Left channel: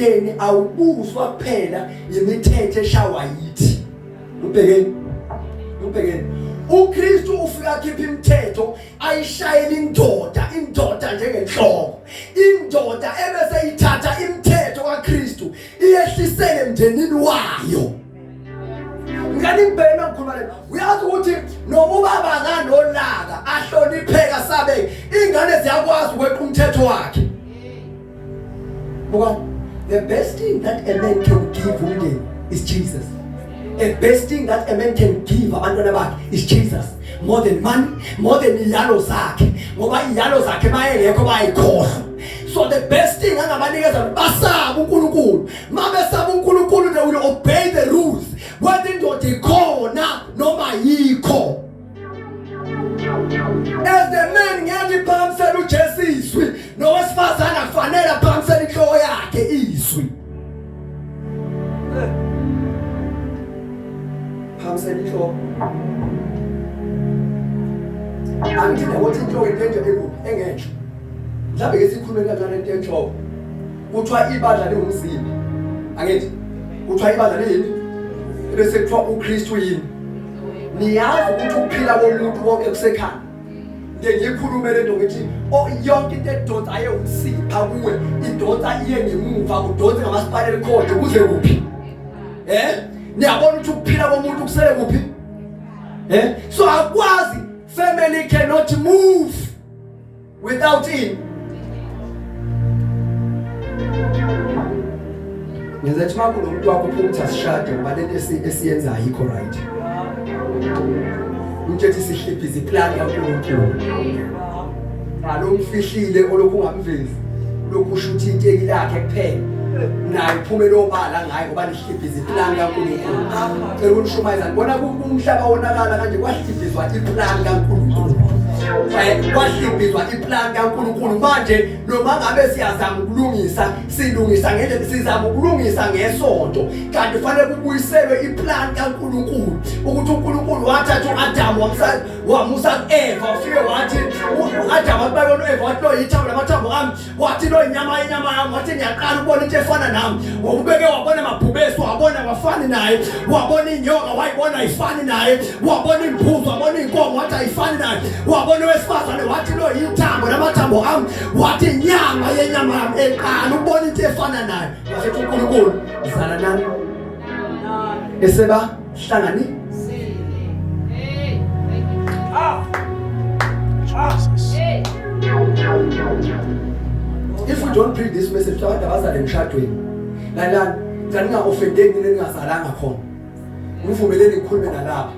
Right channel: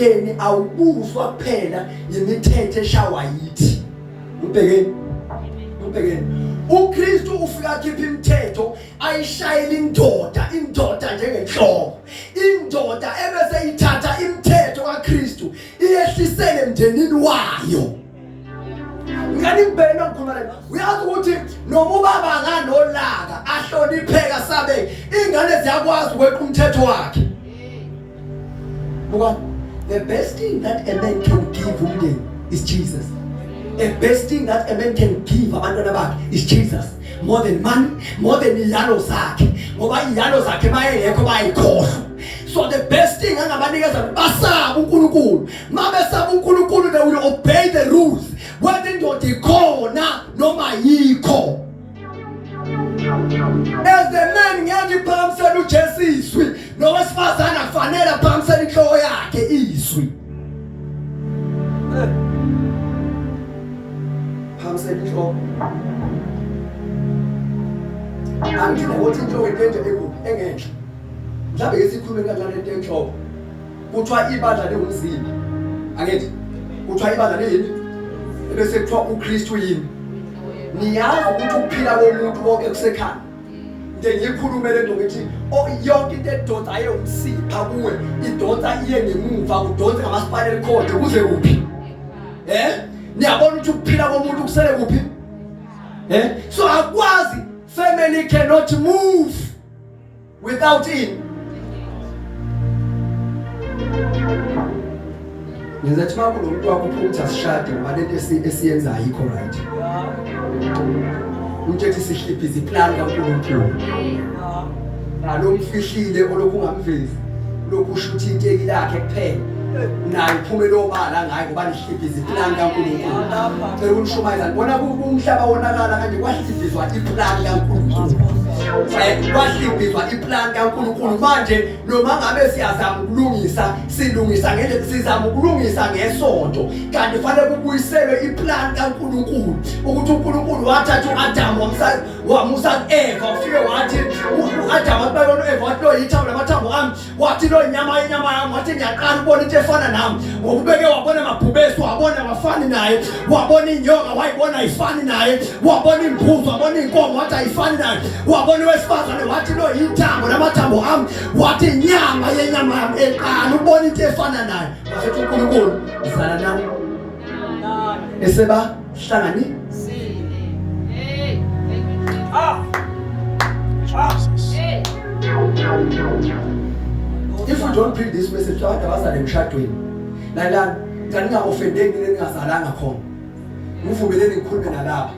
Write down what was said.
emthethweni awubuzwa kuphela imithetho eshawa yithi. Ubhekeni uKristu ufika khipha imithetho ayishayela indoda njengenhloko. Indoda ebese ithatha imithetho kaKristu iyehlisele emndenini wayo. Ngani ngibheke ngikhuluma la uyazi ukuthi noma ubaba nganolaka ahlonipheka sabe ingane ziyakwazi ukweqa umthetho wakhe. Buka, the best thing that a man can give umndeni is Jesus. The best thing that a man can give abantwana bakhe is Jesus. More than money, more than ilalo zakhe. Ngoba ilalo zakhe mayengekho bayikhohlwa. So the best thing angabanikeza basaba uNkulunkulu. Mabesaba uNkulunkulu they will obey the rules. Whether indoda ikhona noma yikho. As the man ngiyaliphamisela uJesu izwi, nowesifazane akufanele aphamisele inhloko yakhe izwi. Phamsela inhloko. Angina ukuthi inhloko into engenhle. Mhlawumbe ke sikhulume kanjani into enhloko. Kuthiwa ibandla lingumzimba. Angithi kuthiwa ibandla lini? Bese kuthiwa uKristu yini? Niyazi ukuthi ukuphila komuntu konke kusekhaya. Ngiyikhulume lento ngithi yonke into edonsa ayewumsipha kuwe idonsa iye ngemuva udonsa ngamaspinal cord kuze kuphi? Niyabona ukuthi ukuphila komuntu kusele kuphi? So akwazi family cannot move without him. Ngizathi manje umuntu wakho ukuthi asishade ngoba lento esiyenza ayikho right. Ujethi sihliphiza iplan kaNkulunkulu. Alomfihlile olokhu ungamvezi. Lokhu usho ukuthi inteki lakhe kuphela. Nayi iphumela obala ngayo ngoba lihliphiza iplan kaNkulunkulu. Cela ukushumayeza ngibona umhlaba wonakala kanje kwahliphiswa iplan kaNkulunkulu. Kwahliphiswa iplan kaNkulunkulu manje noma ngabe siyazama ukulungisa silungisa ngendlela sizama ukulungisa ngesonto kanti kufanele kubuyiselwe iplan kaNkulunkulu ukuthi uNkulunkulu wathatha uAdam wamusa kuEva ufike wathi uAdam ababona uEva wathi lo yithambo lamathambo ami wathi lo inyama yami wathi ngiyaqala ubona into efana nami ngokubeke wabona amabhubesi wabona abafani naye wabona inyoka wayibona ayifani naye wabona imbuzi wabona inkomo wathi ayifani naye wabona wesifazane wathi lo yithambo lamathambo ami wathi inyama yenyama yami eqala ubona into efana naye wasethi uNkulunkulu izala nami eseba hlangani If we don't bring this message to our bazali emshadweni la ngani offendeki ningazalanga khona ngivumeleni ngikhulume nalapha